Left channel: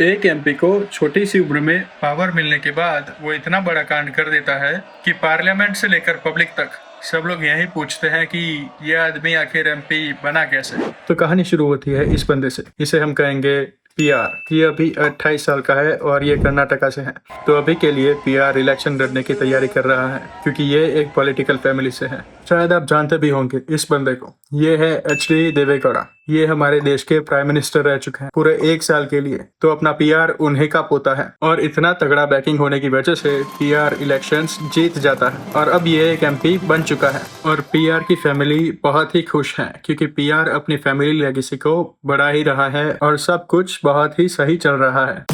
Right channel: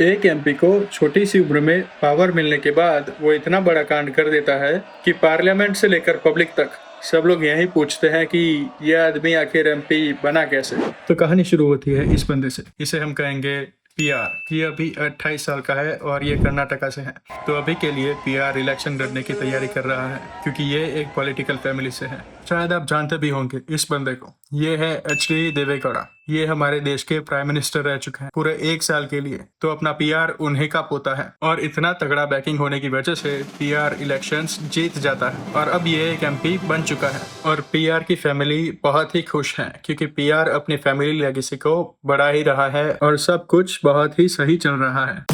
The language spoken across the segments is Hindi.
एक एमपी को छोटी सी उम्र में पावर मिलने के बाद वो इतना बड़ा कांड कर देता है कि पार्लियामेंट से लेकर पब्लिक तक सब लोग यही पूछते हैं कि ये आदमी आखिर एमपी बना कैसे। तो कहानी शुरू होती है इस बंदे से, इसे हम कहेंगे पीआर। ये अभी 28 साल का है और ये कर्नाटका से है। तो अभी के लिए पीआर इलेक्शन लड़ने की तैयारी कर रहा है क्योंकि ये एक पॉलिटिकल फैमिली से है। शायद आप जानते भी होंगे इस बंदे को। ये है एचडी देवेगौड़ा। ये हमारे देश के प्राइम मिनिस्टर रह चुके हैं पूरे 1 साल के लिए। तो अपना पीआर उन्हीं का पोता है और इतना तगड़ा बैकिंग होने की वजह से पीआर इलेक्शंस जीत जाता है और अब ये एक एमपी बन चुका है। और पीआर की फैमिली बहुत ही खुश है क्योंकि पीआर अपनी फैमिली लेगेसी को बढ़ा ही रहा है और सब कुछ बहुत ही सही चल रहा है।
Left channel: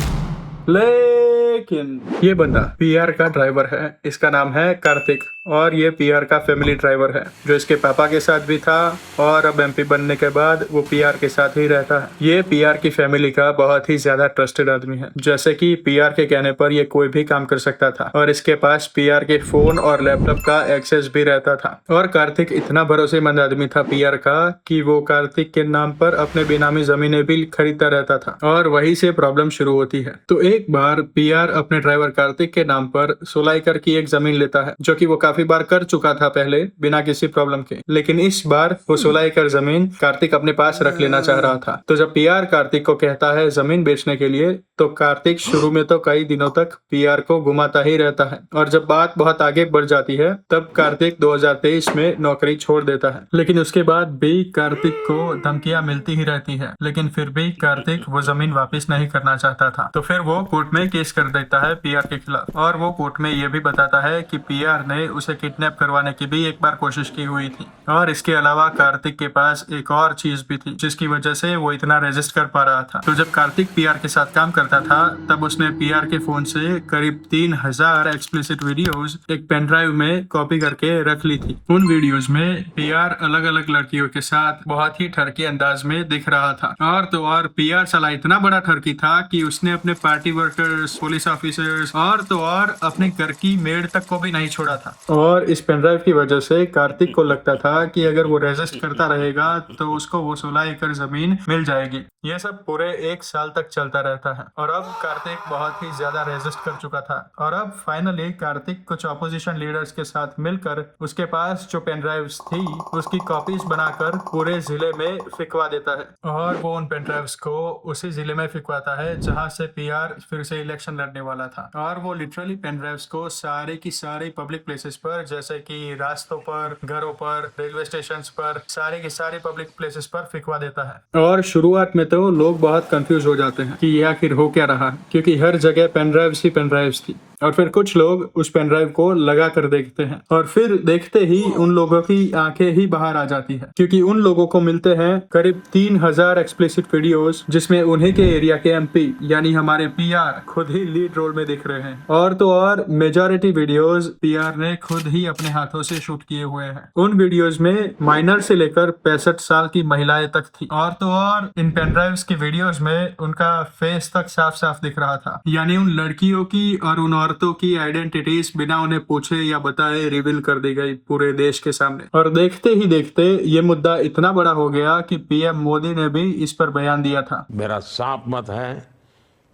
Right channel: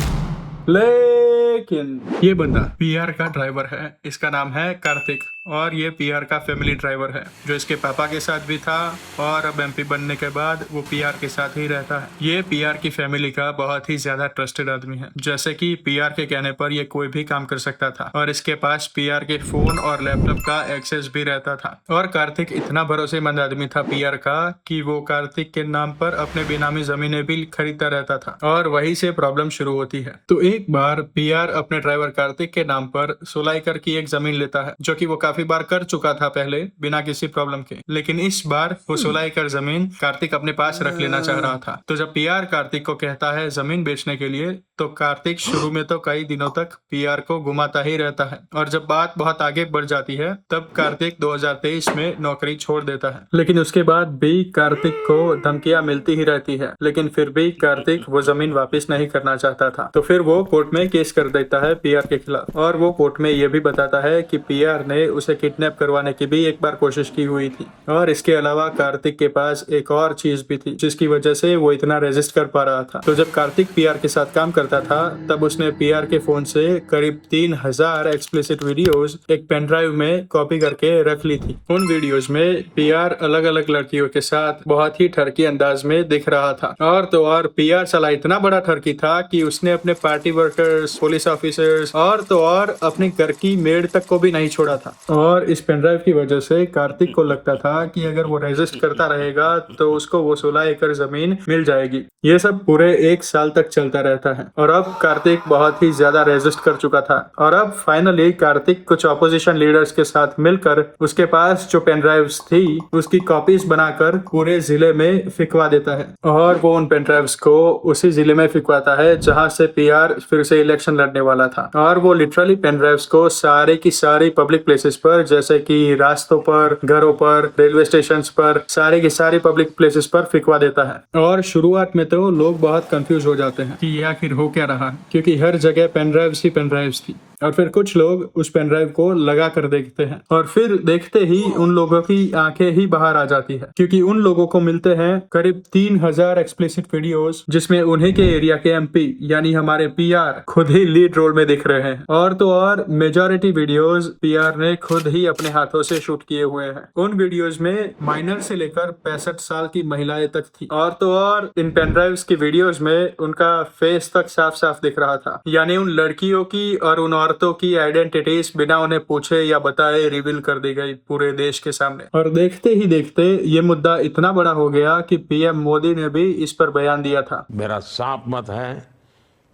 लेकिन ये बंदा पीआर का ड्राइवर है, इसका नाम है कार्तिक और ये पीआर का फैमिली ड्राइवर है जो इसके पापा के साथ भी था और अब एमपी बनने के बाद वो पीआर के साथ ही रहता है। ये पीआर की फैमिली का बहुत ही ज्यादा ट्रस्टेड आदमी है, जैसे कि पीआर के कहने पर ये कोई भी काम कर सकता था और इसके पास पीआर के फोन और लैपटॉप का एक्सेस भी रहता था। और कार्तिक इतना भरोसेमंद आदमी था पीआर का कि वो कार्तिक के नाम पर अपने बेनामी जमीनें भी खरीदता रहता था और वहीं से प्रॉब्लम शुरू होती है। तो एक बार पीआर अपने ड्राइवर कार्तिक के नाम पर 16 एकड़ की एक जमीन लेता है जो कि वो काफी बार कर चुका था पहले बिना किसी प्रॉब्लम के, लेकिन इस बार वो 16 एकड़ जमीन कार्तिक अपने पास रख लेना चाह रहा था। तो जब पीआर कार्तिक को कहता है जमीन बेचने के लिए तो कार्तिक शुरू में तो कई दिनों तक पीआर को घुमाता ही रहता है और जब बात बहुत आगे बढ़ जाती है तब कार्तिक 2023 में नौकरी छोड़ देता है। लेकिन उसके बाद भी कार्तिक को धमकियां मिलती ही रहती है, लेकिन फिर भी कार्तिक वो जमीन वापस नहीं करना चाहता था। तो फिर वो कोर्ट में केस कर देता है पीआर के खिलाफ और वो कोर्ट में ये भी बताता है कि पीआर ने उसे किडनैप करवाने की भी एक बार कोशिश की हुई थी और इसके अलावा कार्तिक के पास एक और चीज भी थी जिसकी वजह से वो इतना रेजिस्ट कर पा रहा था। तो जब कार्तिक पीआर के साथ काम करता था तब उसने पीआर के फोन से करीब 3000 एक्सप्लिसिट वीडियोस एक पेन ड्राइव में कॉपी करके रख ली थी। उन वीडियोस में पीआर अलग अलग लड़कियों के साथ बहुत ही ठरकी अंदाज में दिख रहा था और तो और पीआर साला इतना बड़ा ठरकी था कि उसने अपने पार्टी वर्कर्स, पुलिस ऑफिसर्स और तो और अपने घर की मेड तक को भी नहीं छोड़ा था। और इस पेनड्राइव की वजह से कार्तिक को लगता था कि अगर वो रेजिस्ट करता रहेगा तो उसको वो 16 एकड़ जमीन मिल जाएगी। ये सब पूरे 1 साल तक चलता रहता है और अब कार्तिक बहुत ही ज्यादा रेजिस्ट कर चुका था और अब फाइनली कार्तिक कुछ ऑपोजिशन लीडर्स के साथ मिलकर उसके पास जो पेनड्राइव्स थी उसकी कॉपीज बनाकर पूरे जिले में फिकवा देता है और वो उन पेनड्राइव्स को उसी जिले में फिकवाता है जहां से पीआर फिर से इलेक्शन लड़ने वाला था। और वो लिटरली पेनड्राइव्स को सारे की सारी पब्लिक प्लेसेस पर, जैसे कि रास्तों पर, घरों पर, रेलवे स्टेशन पर, सारे की सारी पब्लिक प्लेसेस पर फिकवा देता है। और शुरुआत में तो लोग बहुत कंफ्यूज हो जाते हैं कि ये आखिर हो क्या रहा है, क्योंकि हर जगह पेनड्राइव्स ही पेनड्राइव्स थी। और फिर कुछ लोग उस पेनड्राइव को लगा कर देखते हैं और फिर देखते ही उन लोगों की आंखें ही बाहर आ जाती है क्योंकि उन लोगों को मिलते हैं करीब 3000 एक्सप्लिसिट वीडियोस जिसमें उन्हीं के एरिया के एमपी यानी हमारे पीआर खुद ही लीड रोल में दिख रहे हैं। और तो और मेजॉरिटी वीडियोस पीआर ने खुद ही अपने हाथों से शूट किए हुए हैं। उन वीडियोस में माइनर से लेकर 65 साल की महिलाएं तक थी और तो और इन पेनड्राइव्स की वीडियोस में उनका फेस तक साफ साफ दिख रहा था, यानी उन लड़कियों की और उन औरतों की आइडेंटिटीज बिना उन्हें पूछे या बताए रिवील कर दी गई पूरे देश के सामने। और देखते ही देखते ये मुद्दा इतना बड़ा हो गया कि पीएम मोदी ने भी इस पर बयान दिया था। मेरा साफ मत है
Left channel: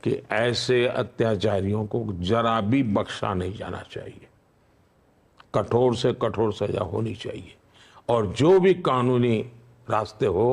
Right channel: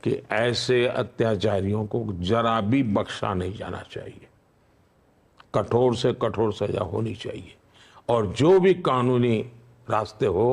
कि ऐसे अत्याचारियों को जरा भी बख्शा नहीं जाना चाहिए। कठोर से कठोर सजा होनी चाहिए और जो भी कानूनी रास्ते हो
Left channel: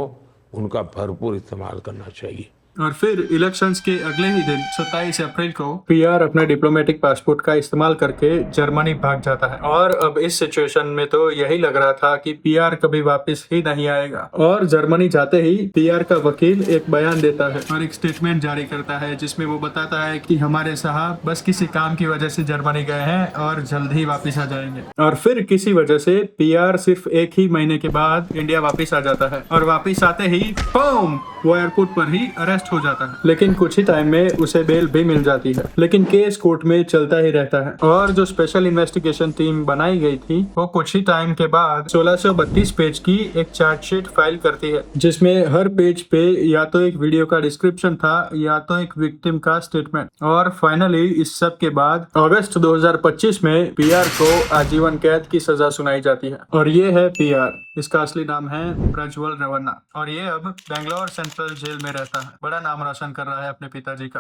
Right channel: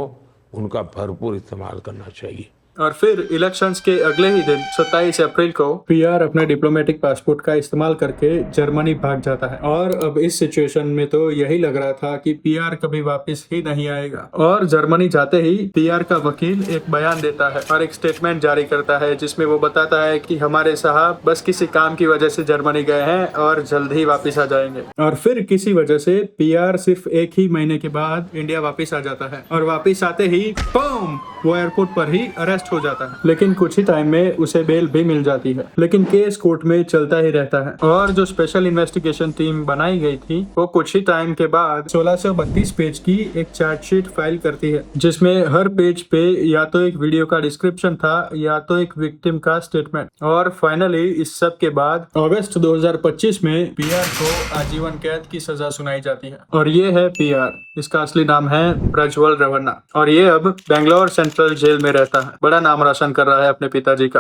उनका भरपूर इस्तेमाल करना चाहिए। और फिर इलेक्शंस के अगले ही दिन 27 अप्रैल को पीआर अपने डिप्लोमेटिक पासपोर्ट का इस्तेमाल करके जर्मनी भाग जाता है। और अब इस सिचुएशन में तो यही लग रहा था कि पीआर कभी वापस ही नहीं आएगा। और जर्मनी जाते ही पीआर का वकील एक बयान देता है और एक स्टेटमेंट जारी करता है जिसमें वो बताता है कि हमारे साहब बस किसी काम की वजह से जर्मनी गए हैं और जल्द ही वापिस आ जाएंगे। और फिर किसी वजह से पीआर सिर्फ 1 ही महीने के बाद इंडिया वापिस आ जाता है और वापिस आते ही बूम वो एयरपोर्ट पर ही अरेस्ट हो जाता है। लेकिन कुछ ही टाइम में उसे बेल भी मिल जाती है, लेकिन केस कोर्ट में चलता ही रहता है। और जो स्पेशल इन्वेस्टिगेशन टीम बनाई गई थी वो कुछ ही टाइम के बाद 1632 पेज की एक चार्जशीट फाइल करती है जिसमें हर पेज पे या तो एक वीडियो का डिस्क्रिप्शन था या तो एक विक्टिम का स्टेटमेंट। और फाइनली इस सब के बाद अगस्त 2025 में पीआर को आजीवन कैद की सजा सुनाई जाती है। और ये है पीआर, इसका असली नाम है प्रज्वल रवन्ना और ये अब बेंगलोर सेंट्रल जेल में रहता है। बड़ा नाम रोशन कर रहा है अपने पिताजी का।